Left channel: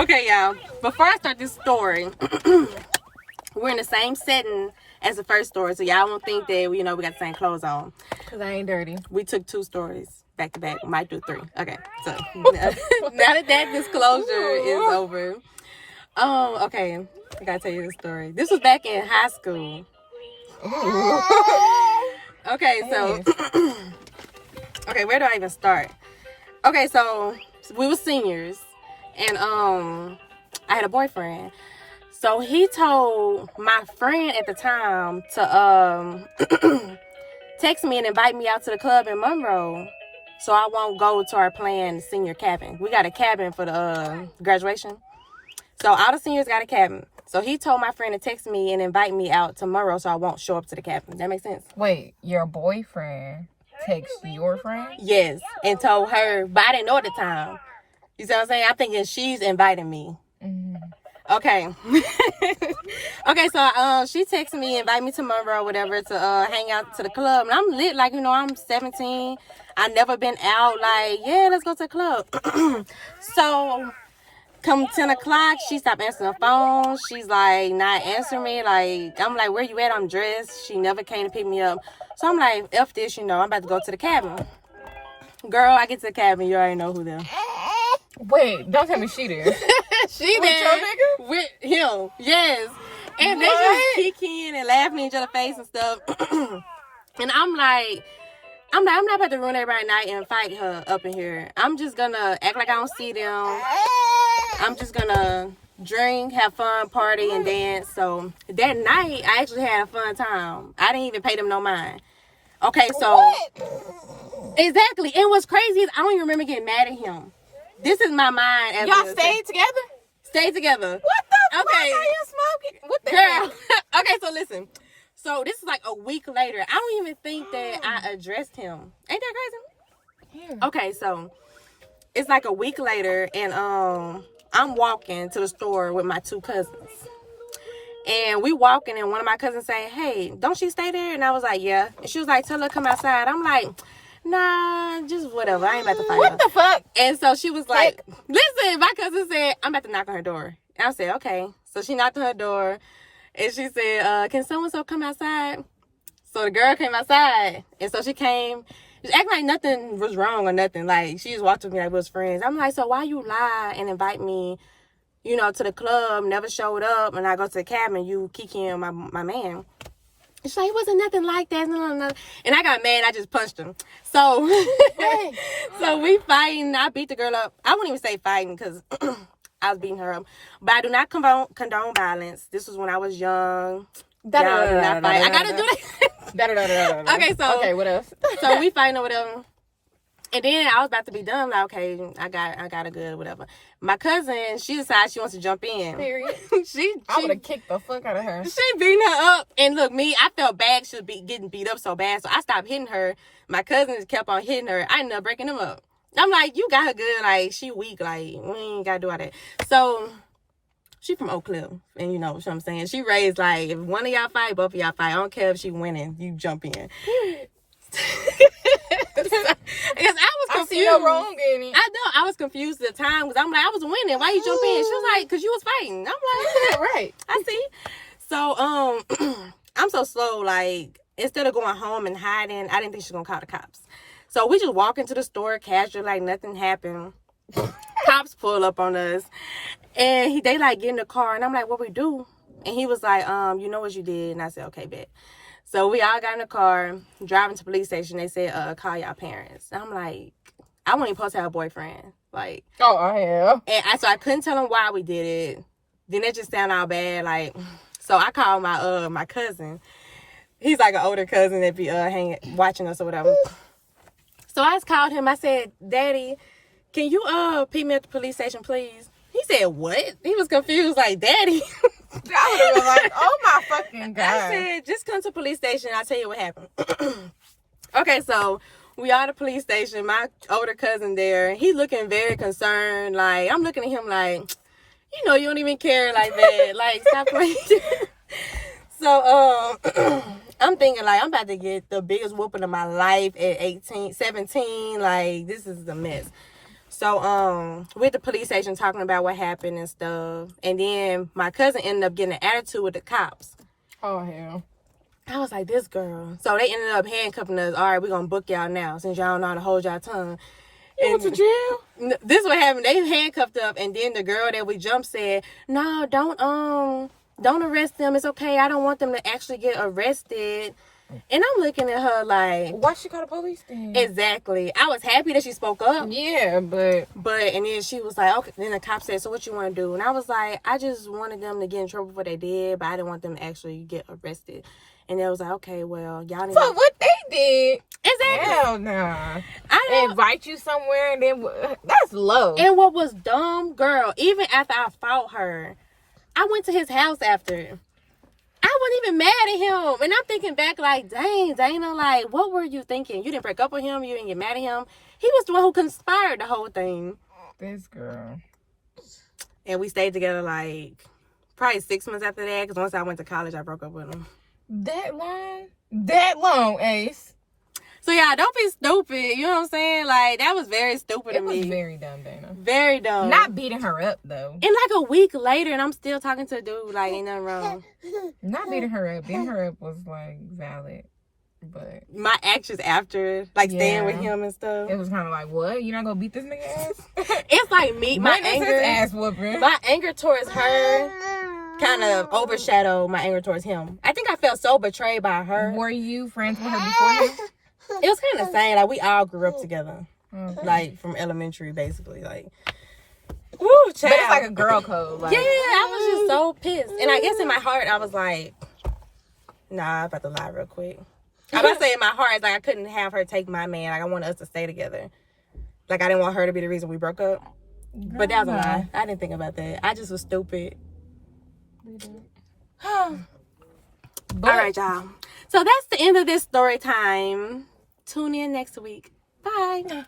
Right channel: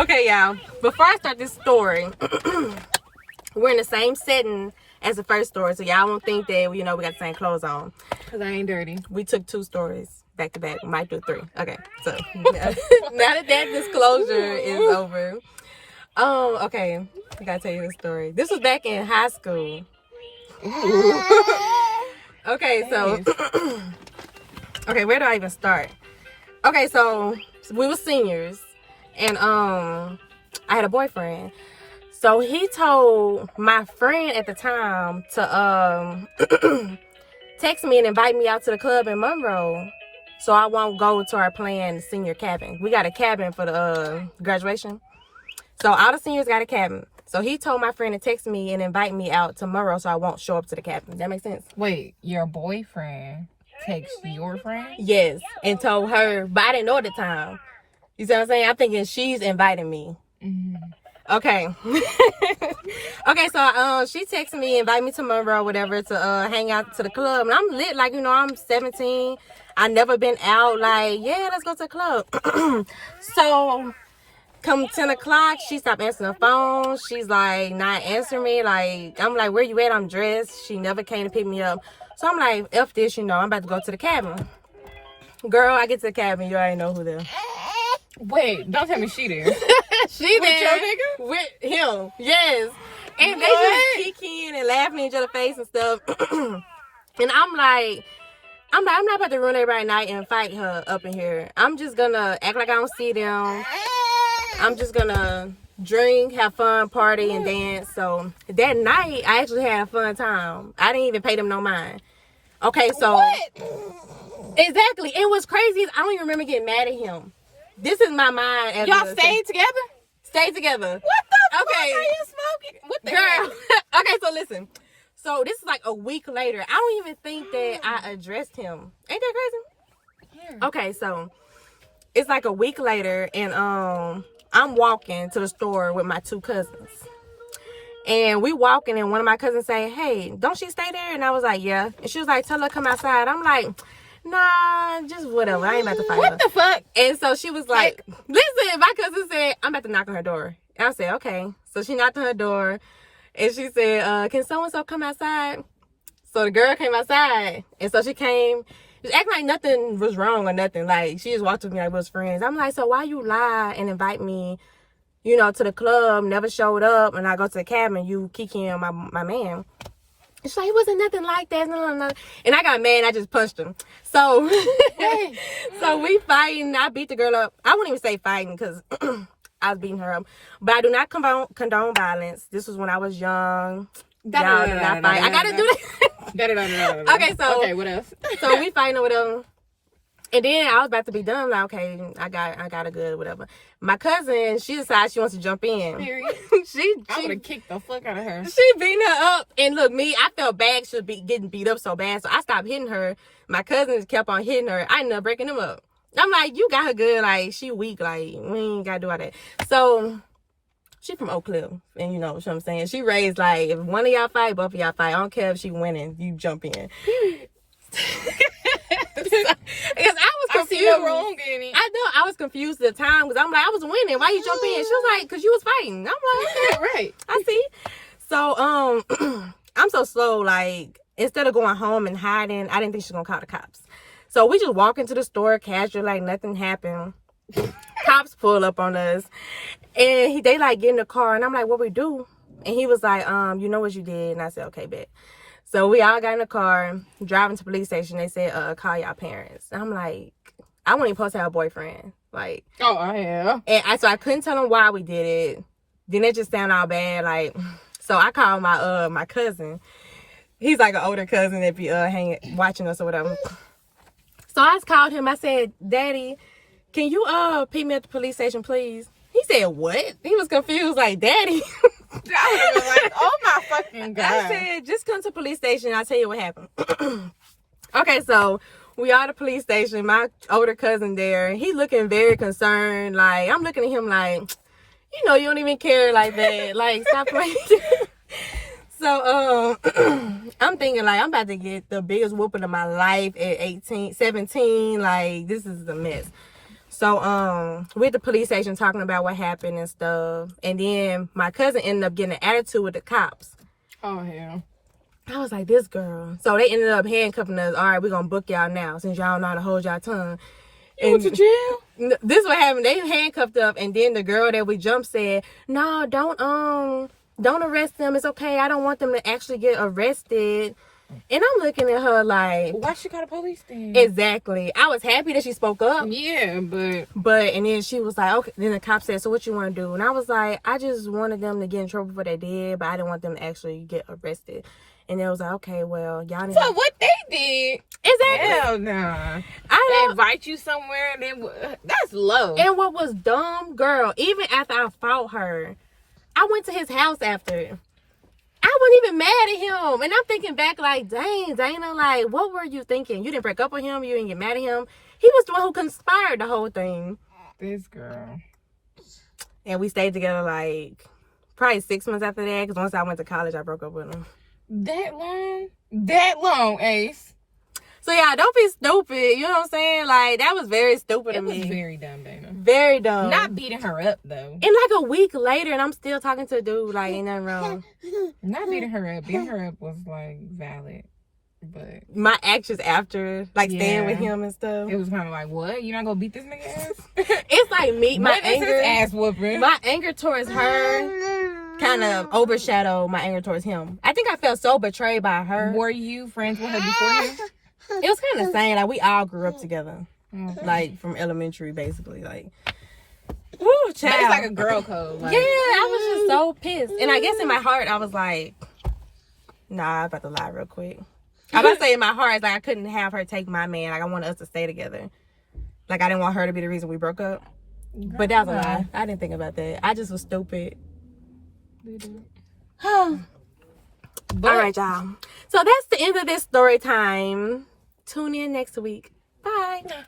Okay, y'all. Before I start this story, we're in the same setting as the first story, so y'all won't think that we got the same clothes on. Cause I ain't dirty. We took 2 stories back to back. Might do 3. Okay, so now that disclosure is over, okay, I gotta tell you the story. This was back in high school. Okay, so okay, where do I even start? Okay, so we were seniors, and I had a boyfriend. So he told my friend at the time to text me and invite me out to the club in Monroe, so I won't go to our planned senior cabin. We got a cabin for the graduation, so all the seniors got a cabin. So he told my friend to text me and invite me out to Monroe, so I won't show up to the cabin. That makes sense? Wait, your boyfriend text your friend? Yes, and told her, but I didn't know at the time. You see what I'm saying? I'm thinking she's inviting me. Mm-hmm. Okay. Okay, so she texted me, invite me to Monroe, whatever, to hang out to the club. And I'm lit, like, I'm 17. I never been out, like, yeah, let's go to the club. So come 10 o'clock, she stopped answering the phone. She's like not answering me. Like, I'm like, where you at? I'm dressed. She never came to pick me up. So I'm like, F this, I'm about to go to the cabin. Girl, I get to the cabin, you already know who them. Wait, don't tell me she there. She with there. Your nigga? With him, yes. And they just kicking and laughing in each other's face and stuff. And I'm not about to ruin everybody's night and fight her up in here. I'm just gonna act like I don't see them. I'm just gonna drink, have fun, party, and dance. So that night, I actually had a fun time. I didn't even pay them no mind. Okay, so what? Exactly. And what's crazy is I don't even remember getting mad at him. This is my mind. As y'all stayed together? Stayed together. What the fuck are you smoking? What the girl? Okay, so listen. So this is like a week later. I don't even think that I addressed him. Ain't that crazy? Yeah. Okay, so it's like a week later, and I'm walking to the store with my 2 cousins. And we walking, and one of my cousins say, "Hey, don't she stay there?" And I was like, "Yeah." And she was like, "Tell her to come outside." I'm like, "Nah, just whatever. I ain't about to fight her." What the fuck? And so she was like, "Listen," my cousin said, "I'm about to knock on her door." And I said, "Okay." So she knocked on her door, and she said, "Can so-and-so come outside?" So the girl came outside, and so she came, just acting like nothing was wrong or nothing. Like, she just walked with me like we was friends. I'm like, "So why you lie and invite me, to the club, never showed up, and I go to the cabin, you kikiing my man?" She's like, "It wasn't nothing like that." No. And I got mad. I just punched him. So, so we fighting. I beat the girl up. I wouldn't even say fighting because I was beating her up. But I do not condone violence. This was when I was young. Y'all do not fight. I got to do that. Okay, what else? So we fighting over them. And then I was about to be done. I'm like, okay, I got a good whatever. My cousin, she decides she wants to jump in. Period. I would have kicked the fuck out of her. She beating her up. And look, I felt bad. She was getting beat up so bad. So I stopped hitting her. My cousins kept on hitting her. I ended up breaking them up. I'm like, you got her good. Like, she weak. Like, we ain't got to do all that. So she from Oak Cliff. And you know what I'm saying? She raised like, if one of y'all fight, both of y'all fight. I don't care if she winning. You jump in. Because I was confused. I see no wrong in it. I know. I was confused at the time because I'm like, I was winning. Why you jump in? She was like, because you was fighting. I'm like, okay, right. I see. So I'm so slow. Like, instead of going home and hiding, I didn't think she was gonna call the cops. So we just walk into the store casual, like nothing happened. Cops pull up on us, and they like get in the car, and I'm like, what we do? And he was like, you know what you did? And I said, okay, bet. So we all got in the car, driving to the police station. They said, call y'all parents. And I'm like, I wasn't even supposed to have a boyfriend. Like, oh, I have. And so I couldn't tell them why we did it. Then it just sounded all bad. Like, so I called my cousin. He's like an older cousin that be watching us or whatever. So I just called him. I said, "Daddy, can you pick me at the police station, please?" He said, "What?" He was confused, like, "Daddy." I was like, oh my fucking God. I said, "Just come to the police station. I'll tell you what happened." Okay, so we are at the police station. My older cousin there. He looking very concerned. Like, I'm looking at him like, you don't even care like that. Like, stop playing. So, I'm thinking, like, I'm about to get the biggest whooping of my life at 17. Like, this is a mess. So, we're at the police station talking about what happened and stuff. And then my cousin ended up getting an attitude with the cops. Oh, hell. I was like, this girl. So they ended up handcuffing us. All right, we're going to book y'all now since y'all don't know how to hold y'all tongue. You went to jail? This is what happened. They handcuffed up, and then the girl that we jumped said, no, don't arrest them. It's okay. I don't want them to actually get arrested. And I'm looking at her like, why she call the police then? Exactly. I was happy that she spoke up. Yeah, but and then she was like, okay. Then the cop said, so what you want to do? And I was like, I just wanted them to get in trouble for what they did, but I didn't want them to actually get arrested. And they was like, okay, well, y'all need so what they did? Exactly. Hell nah. I They invite you somewhere and then that's low. And what was dumb, girl, even after I fought her, I went to his house after. I wasn't even mad at him. And I'm thinking back like, dang, Dana, like, what were you thinking? You didn't break up with him. You didn't get mad at him. He was the one who conspired the whole thing. This girl. And we stayed together like probably 6 months after that. Because once I went to college, I broke up with him. That long? That long, Ace. So, yeah, don't be stupid. You know what I'm saying? Like, that was very stupid to me. It was very dumb, Dana. Very dumb. Not beating her up, though. And like a week later, and I'm still talking to a dude. Like, ain't nothing wrong. Not beating her up. Beating her up was, like, valid. But my actions after, like, staying with him and stuff. It was kind of like, what? You not gonna beat this nigga ass? It's like me, my anger. Ass whooping. My anger towards her kind of overshadowed my anger towards him. I think I felt so betrayed by her. Were you friends with her beforehand? It was kind of same. Like, we all grew up together. Okay. Like, from elementary, basically. Like, woo, child. But it's like a girl code. Like, yeah, I was just so pissed. And I guess in my heart, I was like, nah, I'm about to lie real quick. I'm about to say in my heart, it's like I couldn't have her take my man. Like, I wanted us to stay together. Like, I didn't want her to be the reason we broke up. But that was a lie. I didn't think about that. I just was stupid. All right, y'all. So that's the end of this story time. Tune in next week. Bye.